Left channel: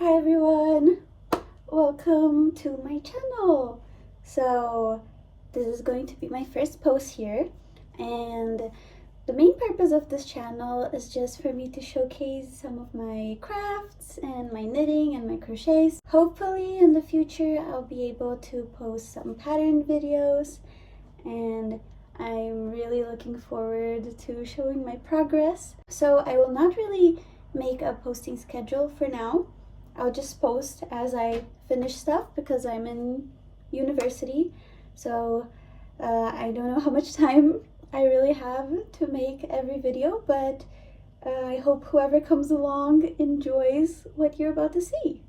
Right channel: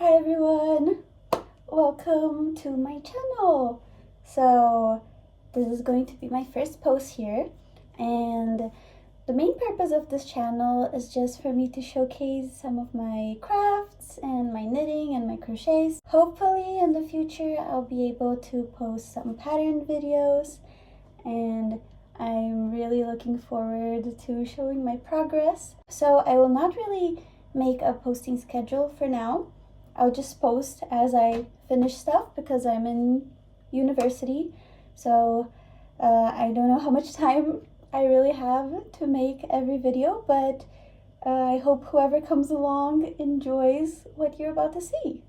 Hi everyone, welcome to my channel. So this is going to be my first post here, and the main purpose of this channel is just for me to showcase some of my crafts and my knitting and my crochets. Hopefully in the future I'll be able to post some pattern videos, and I'm really looking forward to showing my progress. So I will not really make a posting schedule for now. I'll just post as I finish stuff because I'm in university, so I don't know how much time I really have to make every video, but I hope whoever comes along enjoys what you're about to see.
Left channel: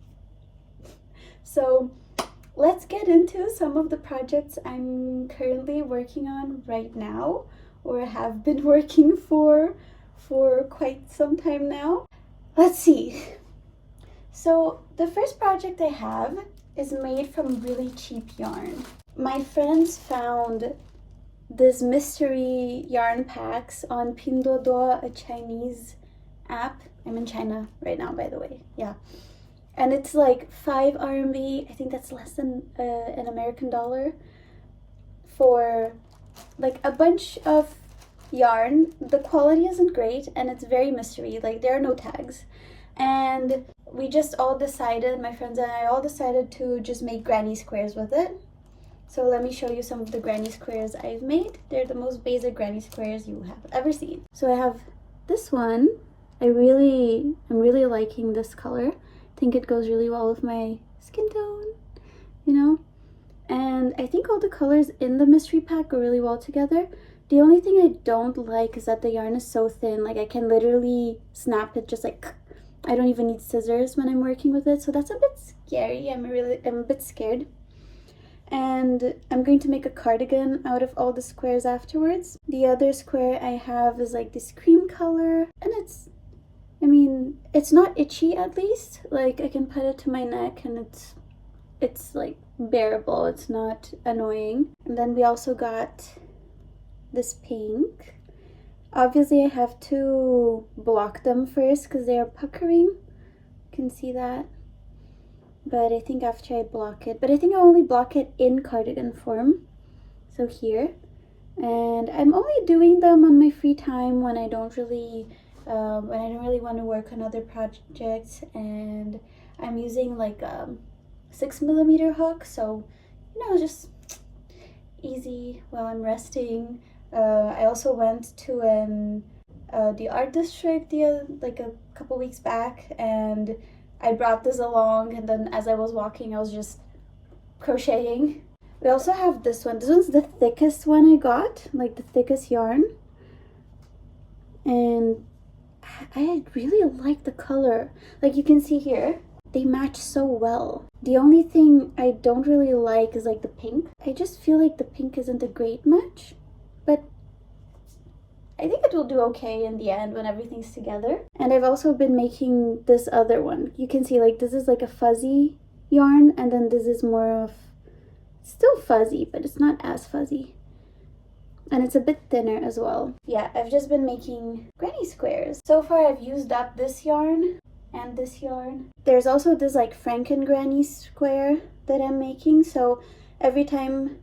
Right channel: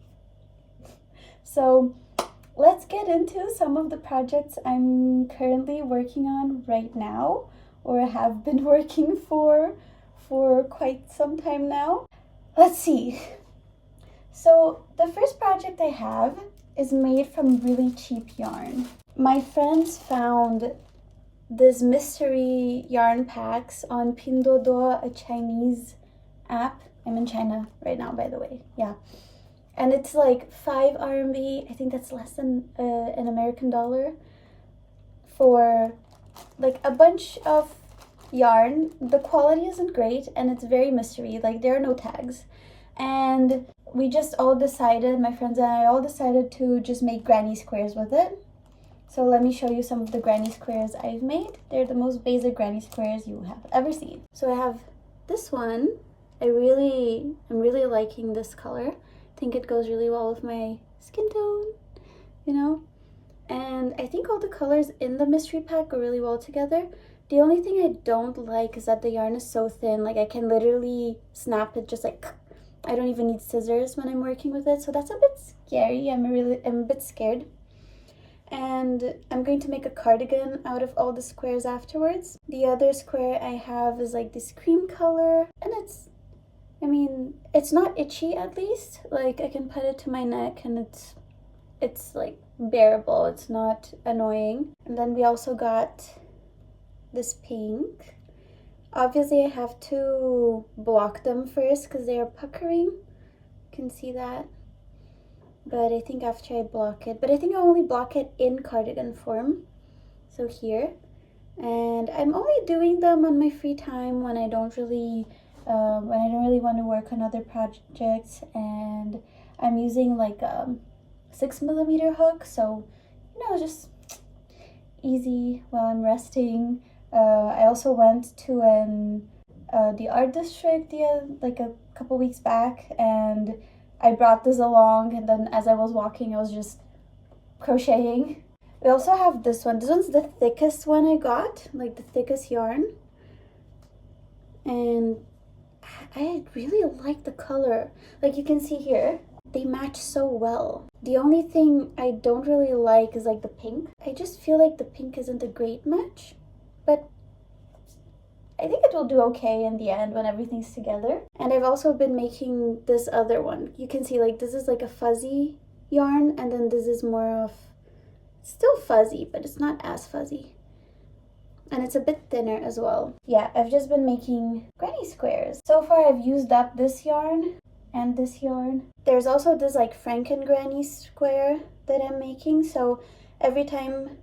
So let's get into some of the projects I'm currently working on right now, or have been working for quite some time now. Let's see. So the first project I have is made from really cheap yarn. My friends found this mystery yarn packs on Pinduoduo, a Chinese app. I'm in China right now, by the way. Yeah. And it's like 5 RMB. I think that's less than an American dollar for like a bunch of yarn. The quality isn't great and it's very mystery. Like there are no tags. And we just all decided, my friends and I all decided to just make granny squares with it. So let me show you some of the granny squares I've made. They're the most basic granny squares you have ever seen. So I have this one. I'm really liking this color. I think it goes really well with my skin tone, you know? And I think all the colors in the mystery pack go really well together. The only thing I don't like is that the yarn is so thin. Like I can literally snap it just like, I don't even need scissors when I'm working with it, so that's a bit scary. I'm a bit scared. And I'm going to make a cardigan out of all the squares afterwards. The other square I have is like this cream color, and it's not itchy, at least. Like I can put it to my neck and it's like bearable. It's not annoying. And then we also got this pink. Obviously, I have to block them first because they are puckering. You can see that. But I think after I block it, I only block it in cardigan form. So here. And I'm only doing them on my free time when I don't really want to work on other projects. And I'm using like a 6mm hook. So, you know, just easy while I'm resting. I also went to the art district like a couple weeks back, and I brought this along, and then as I was walking I was just crocheting. We also have this one. This one's the thickest one I got, like the thickest yarn, and I really like the color. Like you can see here, they match so well. The only thing I don't really like is like the pink. I just feel like the pink isn't a great match. But I think it will do okay in the end when everything's together. And I've also been making this other one. You can see like this is like a fuzzy yarn, and then this is more of still fuzzy, but it's not as fuzzy. And it's a bit thinner as well. Yeah, I've just been making granny squares. So far I've used up this yarn and this yarn. There's also this like Franken granny square that I'm making. So every time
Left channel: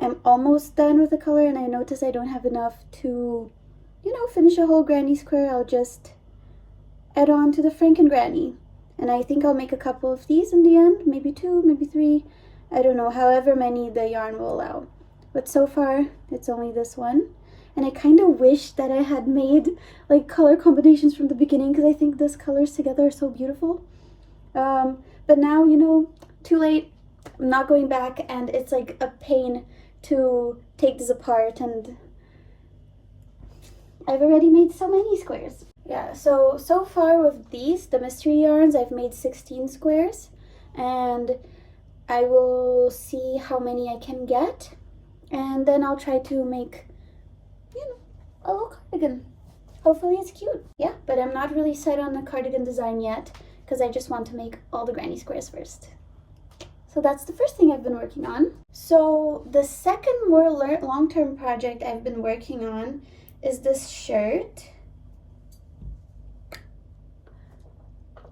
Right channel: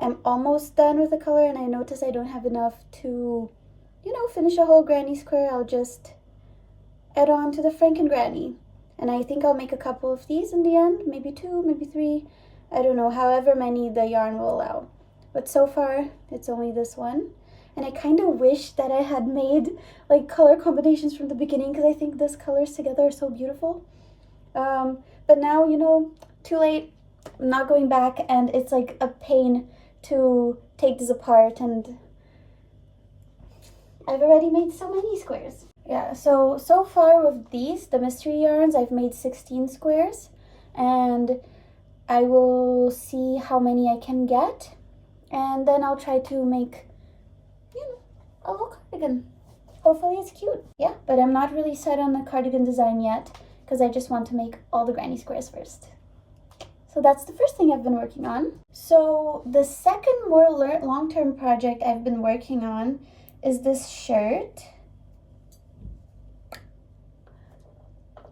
I'm almost done with the color and I notice I don't have enough to, you know, finish a whole granny square, I'll just add on to the Franken granny. And I think I'll make a couple of these in the end, maybe 2, maybe 3, I don't know, however many the yarn will allow. But so far, it's only this one. And I kind of wish that I had made like color combinations from the beginning, because I think these colors together are so beautiful. But now, you know, too late. I'm not going back, and it's like a pain to take this apart, and I've already made so many squares. Yeah, so far with these, the mystery yarns, I've made 16 squares, and I will see how many I can get, and then I'll try to make, you know, a little cardigan. Hopefully it's cute. Yeah, but I'm not really set on the cardigan design yet, because I just want to make all the granny squares first. So that's the first thing I've been working on. So the second more long-term project I've been working on is this shirt.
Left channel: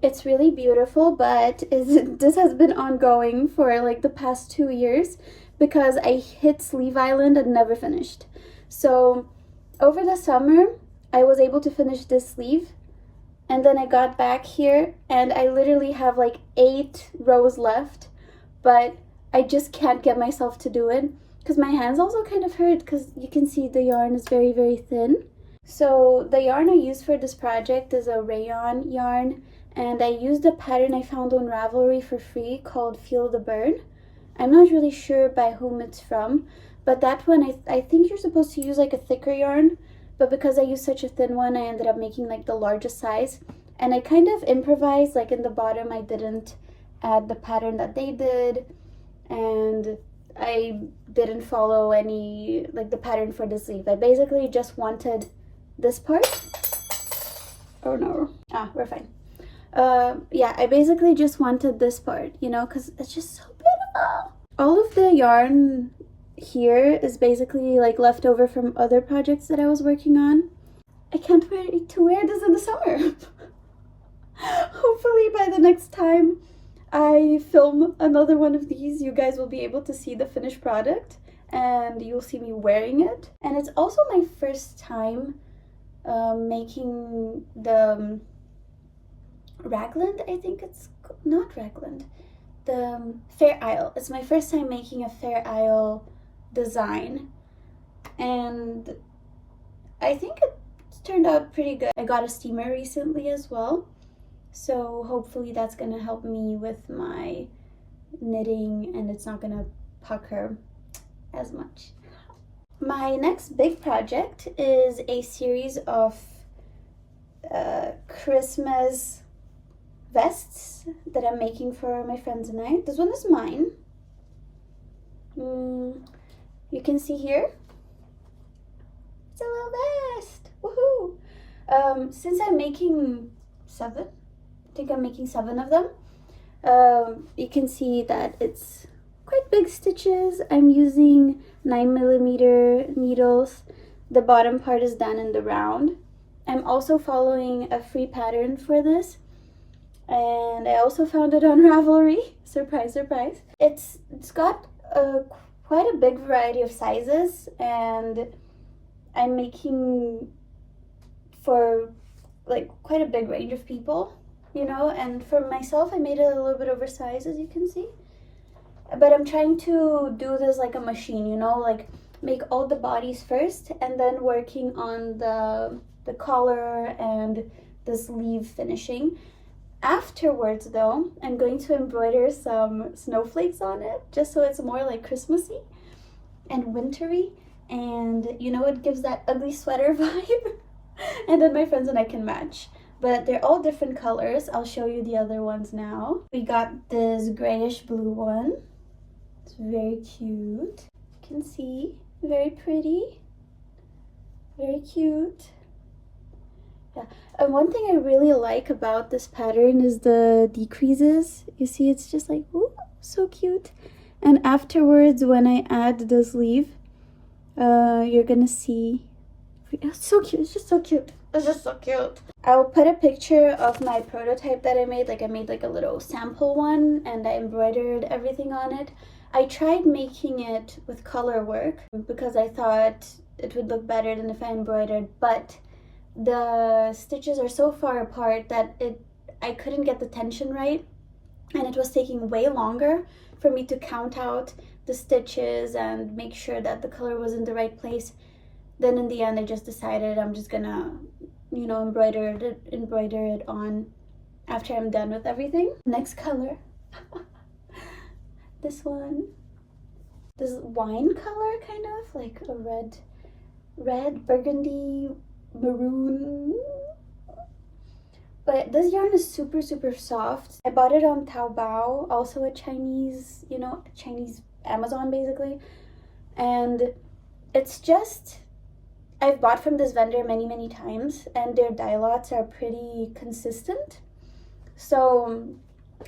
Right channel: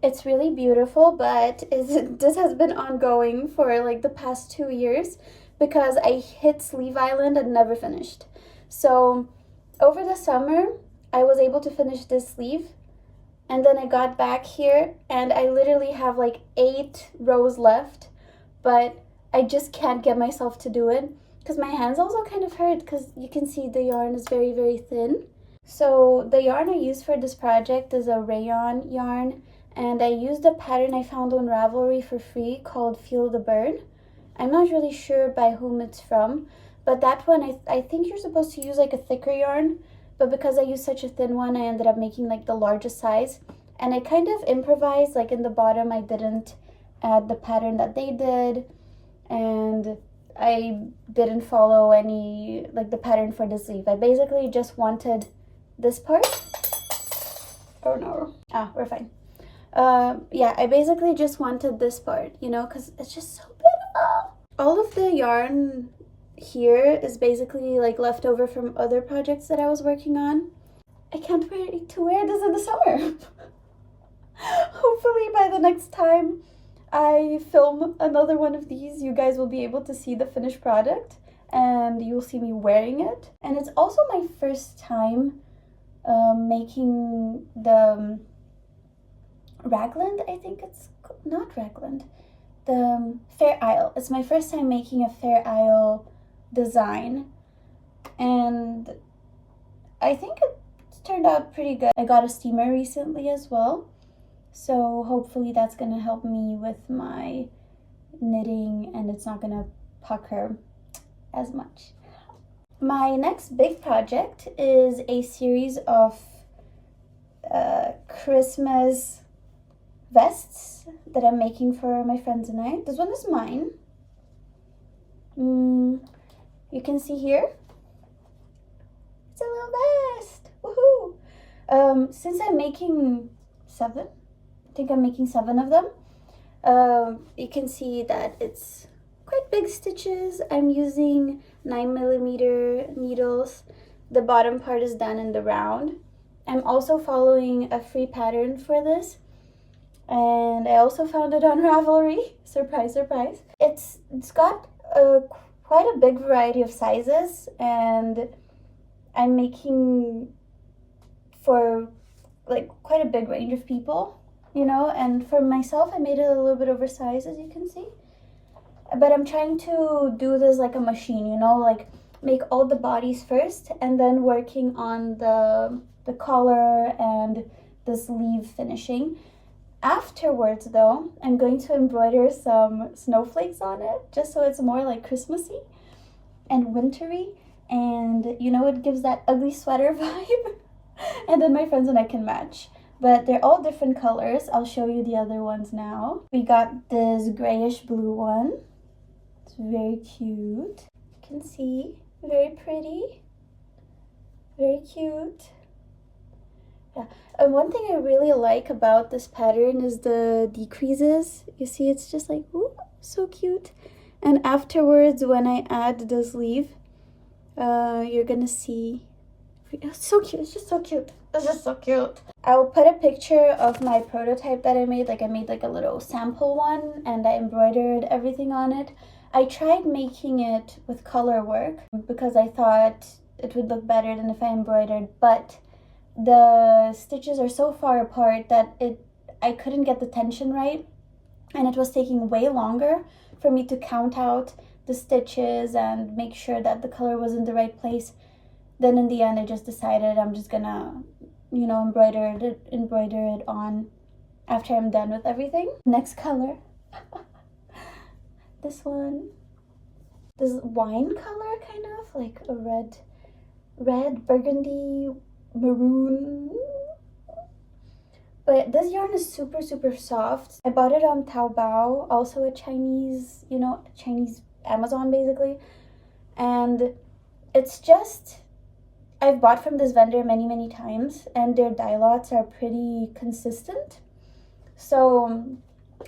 It's really beautiful, but this has been ongoing for like the past 2 years because I hit Sleeve Island and never finished. So over the summer, I was able to finish this sleeve, and then I got back here and I literally have like 8 rows left, but I just can't get myself to do it because my hands also kind of hurt because you can see the yarn is very, very thin. So the yarn I used for this project is a rayon yarn, and I used a pattern I found on Ravelry for free called Feel the Burn. I'm not really sure by whom it's from, but that one I think you're supposed to use like a thicker yarn, but because I used such a thin one, I ended up making like the largest size. And I kind of improvised, like in the bottom I didn't add the pattern that they did, and I didn't follow any like the pattern for the sleeve. I basically just wanted this part. Oh no. We're fine. Yeah, I basically just wanted this part, you know, because it's just so beautiful. All of the yarn here is basically like leftover from other projects that I was working on. I can't wait to wear this in the summer. Hopefully by the next time I film another one of these, you guys will be able to see the finished product and you'll see me wearing it. And it's also my first time making the raglan, I think it's not raglan, the Fair Isle. It's my first time making a Fair Isle design, and I think it turned out pretty good. I got a steamer recently as well, so hopefully that's gonna help me with my knitting and it's not gonna pucker as much. My next big project is a series of Christmas vests that I'm making for my friends and I. This one is mine. You can see here, it's a little vest. Woohoo! Since I'm making 7, I think I'm making 7 of them. You can see that it's quite big stitches. I'm using 9mm needles. The bottom part is done in the round. I'm also following a free pattern for this, and I also found it on Ravelry. Surprise, surprise. It's got quite a big variety of sizes, and I'm making for like quite a big range of people, you know, and for myself I made it a little bit oversized, as you can see. But I'm trying to do this like a machine, you know, like make all the bodies first and then working on the collar and the sleeve finishing. Afterwards though, I'm going to embroider some snowflakes on it just so it's more like Christmassy and wintry, and you know, it gives that ugly sweater vibe. And then my friends and I can match. But they're all different colors. I'll show you the other ones now. We got this grayish blue one. It's very cute. You can see, very pretty, very cute. Yeah. And one thing I really like about this pattern is the decreases. You see, it's just like, ooh, so cute. And afterwards, when I add the sleeve, you're gonna see, it's so cute. It's just so cute. It's just so cute. I'll put a picture of my prototype that I made. Like I made like a little sample one and I embroidered everything on it. I tried making it with color work because I thought it would look better than if I embroidered, but the stitches are so far apart that I couldn't get the tension right, and it was taking way longer for me to count out the stitches and make sure that the color was in the right place. Then in the end I just decided I'm just gonna, you know, embroider it on after I'm done with everything. Next color. This one, this wine color, kind of like a red burgundy maroon, but this yarn is super soft. I bought it on Taobao, also a Chinese, you know, Chinese Amazon basically, and it's just, I've bought from this vendor many times and their dye lots are pretty consistent, so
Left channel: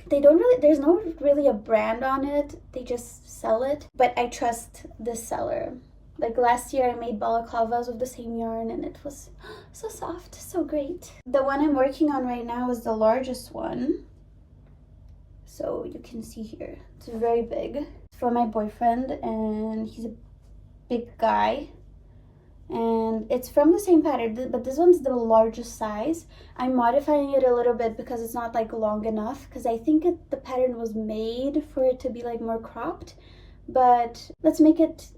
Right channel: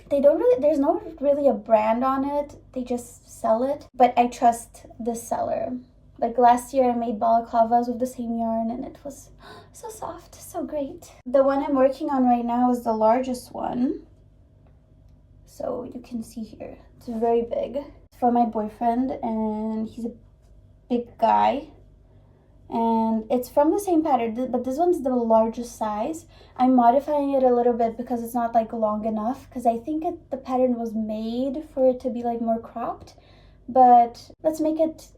they don't really, there's no really a brand on it, they just sell it. But I trust this seller, Like last year I made balaclavas with the same yarn and it was so soft, so great. The one I'm working on right now is the largest one. So you can see here, it's very big. It's for my boyfriend and he's a big guy. And it's from the same pattern, but this one's the largest size. I'm modifying it a little bit because it's not like long enough, because I think the pattern was made for it to be like more cropped, but let's make it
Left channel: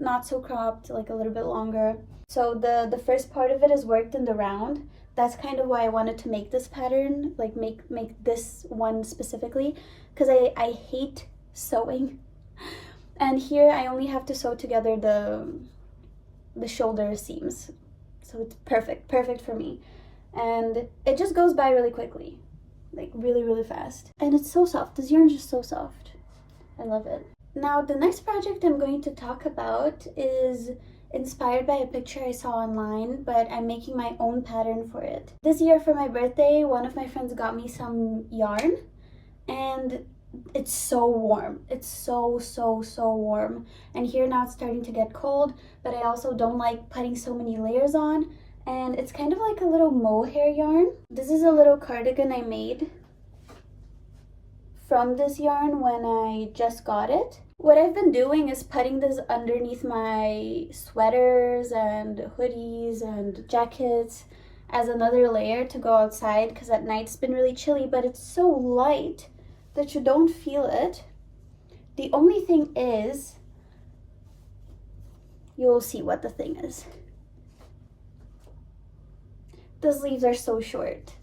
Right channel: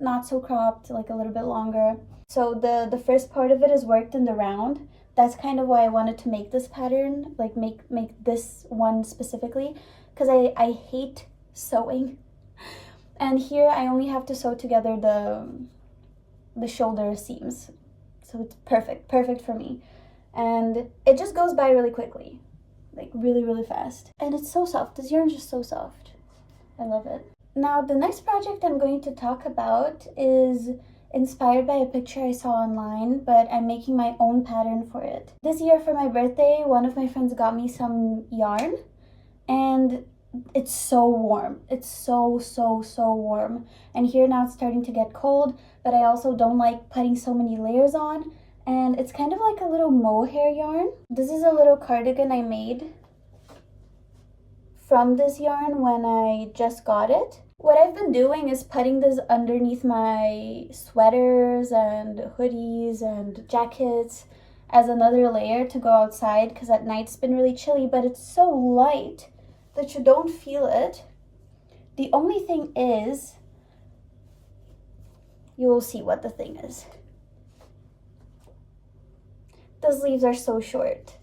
not so cropped, like a little bit longer. So the first part of it is worked in the round. That's kind of why I wanted to make this pattern, like make this one specifically, because I hate sewing. And here I only have to sew together the shoulder seams, so it's perfect for me, and it just goes by really quickly, like really fast, and it's so soft. This yarn is just so soft. I love it. Now the next project I'm going to talk about is inspired by a picture I saw online, but I'm making my own pattern for it. This year for my birthday, one of my friends got me some yarn, and it's so warm. It's so warm. And here now it's starting to get cold, but I also don't like putting so many layers on. And it's kind of like a little mohair yarn. This is a little cardigan I made from this yarn when I just got it. What I've been doing is putting this underneath my sweaters and hoodies and jackets as another layer to go outside, because at night it's been really chilly, but it's so light that you don't feel it. The only thing is, you will see what the thing is. The sleeves are so short.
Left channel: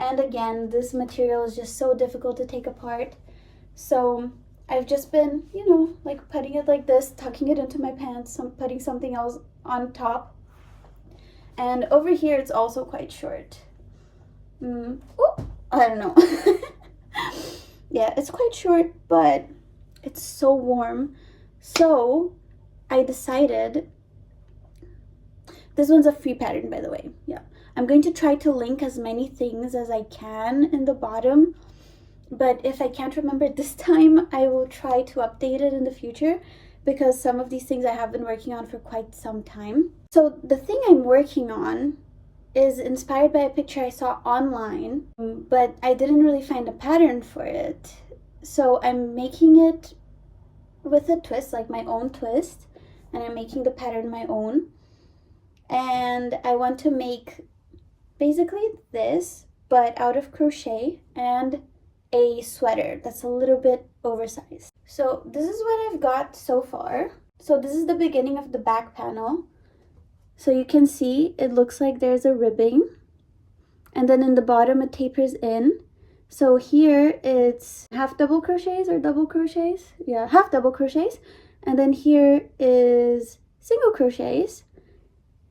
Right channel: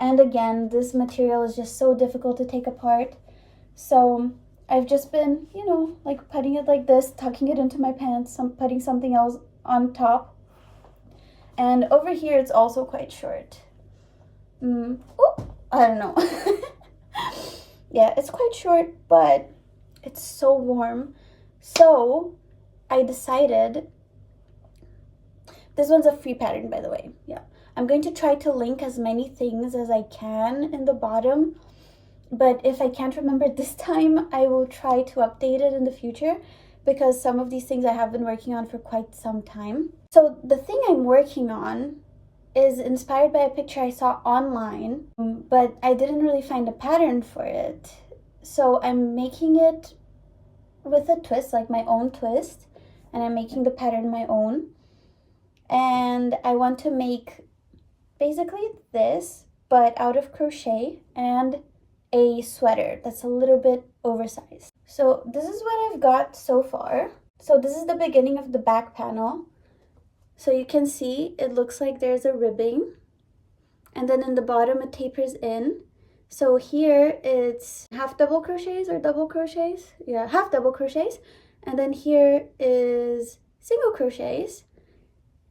And again, this material is just so difficult to take apart. So I've just been, you know, like putting it like this, tucking it into my pants, putting something else on top. And over here, it's also quite short. I don't know. Yeah, it's quite short, but it's so warm. So I decided, this one's a free pattern, by the way. Yeah, I'm going to try to link as many things as I can in the bottom, but if I can't remember it this time, I will try to update it in the future, because some of these things I have been working on for quite some time. So the thing I'm working on is inspired by a picture I saw online, but I didn't really find a pattern for it. So I'm making it with a twist, like my own twist, and I'm making the pattern my own. And I want to make basically this, but out of crochet, and a sweater that's a little bit oversized. So this is what I've got so far. So this is the beginning of the back panel. So you can see it looks like there's a ribbing, and then in the bottom it tapers in. So here it's half double crochets or double crochets. Yeah, half double crochets. And then here is single crochets,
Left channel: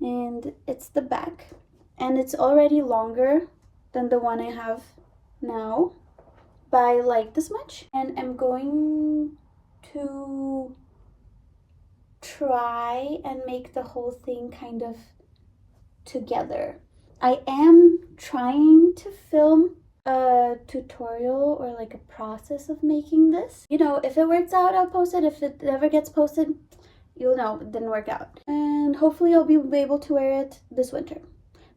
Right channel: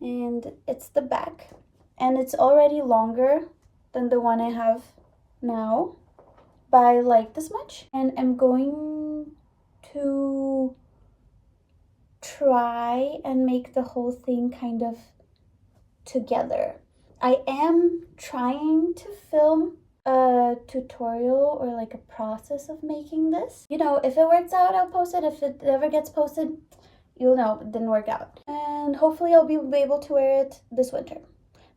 and it's the back. And it's already longer than the one I have now by like this much. And I'm going to try and make the whole thing kind of together. I am trying to film a tutorial or like a process of making this. You know, if it works out, I'll post it. If it ever gets posted, you'll know it didn't work out. And hopefully I'll be able to wear it this winter.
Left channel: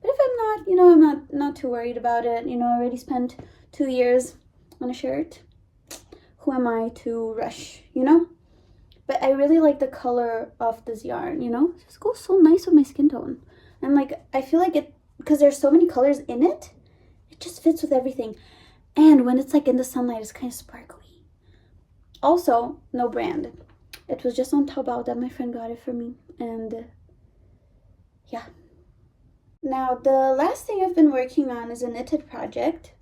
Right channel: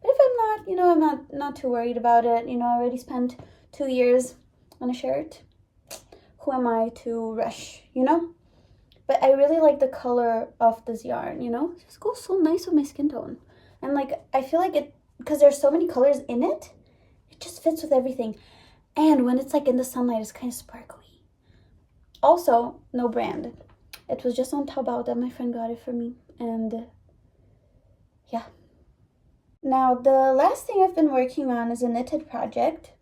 But if I'm not, you know, I'm not too worried about it. You know, I already spent 2 years on a shirt. Who am I to rush, you know? But I really like the color of this yarn, you know? It just goes so nice with my skin tone. And like, I feel like it, because there's so many colors in it, it just fits with everything. And when it's like in the sunlight, it's kind of sparkly. Also, no brand. It was just on Taobao that my friend got it for me. And yeah. Now, the last thing I've been working on is a knitted project.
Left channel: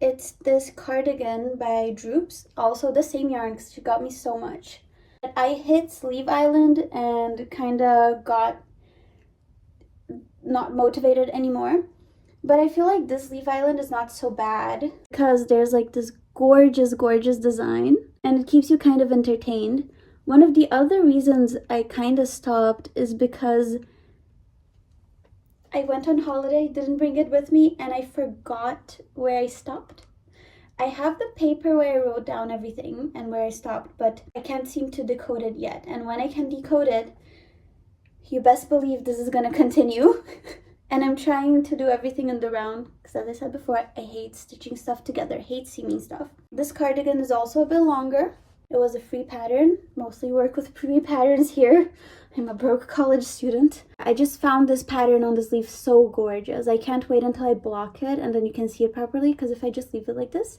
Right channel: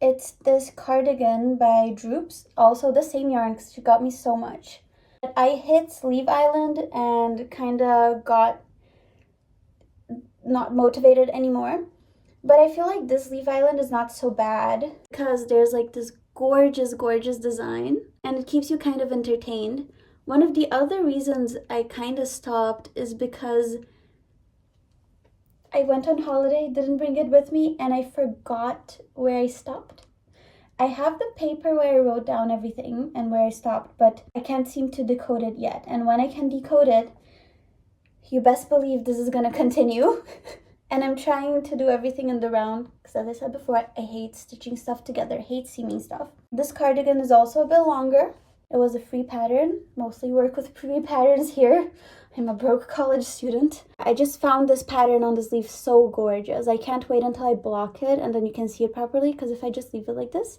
It's this cardigan by Droops. Also the same yarn, because she got me so much. I hit Sleeve Island and kind of got not motivated anymore. But I feel like this Sleeve Island is not so bad, because there's like this gorgeous design, and it keeps you kind of entertained. One of the other reasons I kind of stopped is because I went on holiday, didn't bring it with me, and I forgot where I stopped. I have the paper where I wrote down everything and where I stopped, but I can't seem to decode it yet. And when I can decode it, you best believe this is gonna continue. And I'm trying to do everything in the round because, as I said before, I hate stitching stuff together, hate seaming stuff. This cardigan is also a bit longer. It was a free pattern, mostly work with free patterns here. I'm a broke college student. I just found this pattern on the sleeve so gorgeous. I can't wait until I block it and then you can see it properly, because if I just leave it like this,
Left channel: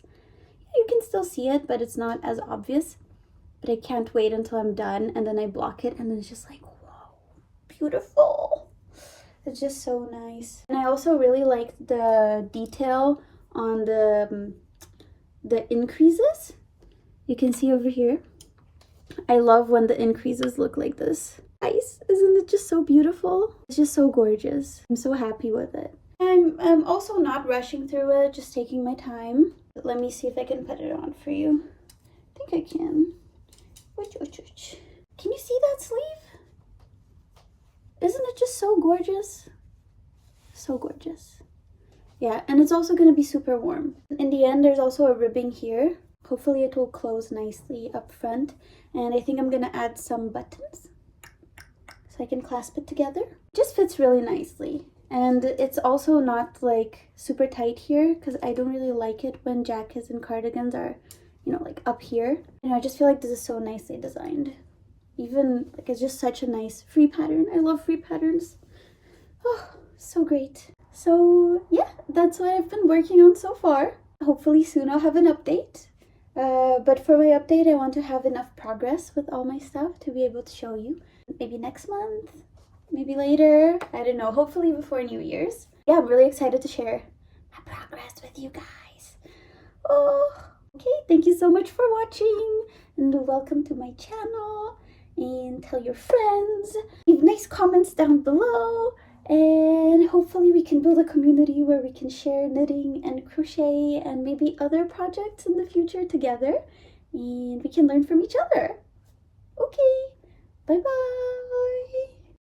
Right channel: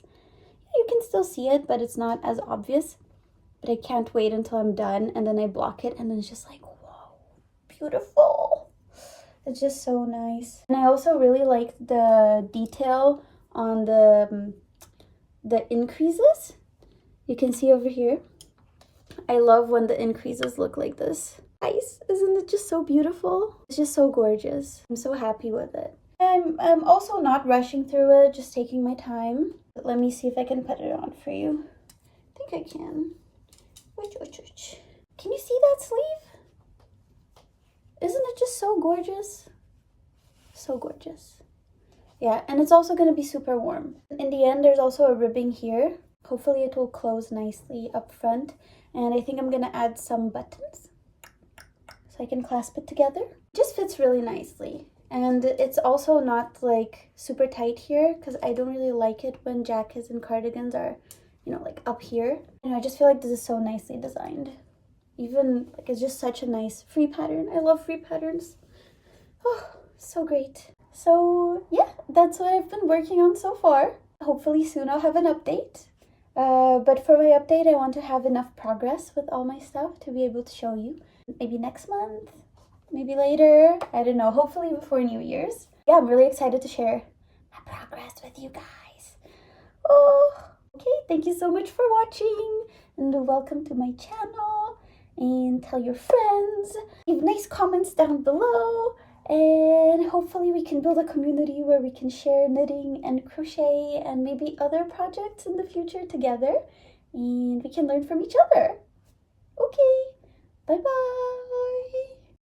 you can still see it, but it's not as obvious. But I can't wait until I'm done and then I block it and then it's just like, whoa, beautiful. It's just so nice. And I also really like the detail on the increases. You can see over here. I love when the increases look like this. Nice, isn't it just so beautiful? It's just so gorgeous. I'm so happy with it. I'm also not rushing through it, just taking my time. But let me see if I can put it on for you. I think I can. Can you see that sleeve? Isn't it just so gorgeous? So gorgeous. Yeah, and it's also going to be super warm. In the end, there's also a ribbing here. Hopefully it will close nicely up front. And I think I'm going to add some buttons so I can clasp it together. It just fits really nicely. And it's also not like super tight here, because I don't really like it when jackets and cardigans are, you know, like up here. You know, I just feel like this is so nicely designed. Even like it's just such a nice free pattern. I love free patterns. Oh, so great. So yeah, that's what I've been working on so far. Hopefully soon I'll have an update. But for my update, I want to have enough progress with all my stuff to be able to show you. Maybe next month, maybe later. I don't know. Hopefully before New Year's. Yeah, I'm really excited to share my progress with you guys. Oh, okay. Thank you so much for watching and welcome to my channel. And tell your friends, leave nice comments down below, and hopefully we can build a community where we can share knitting and crochet and maybe other projects in the future together, and we can learn from each other. Okay, bye bye.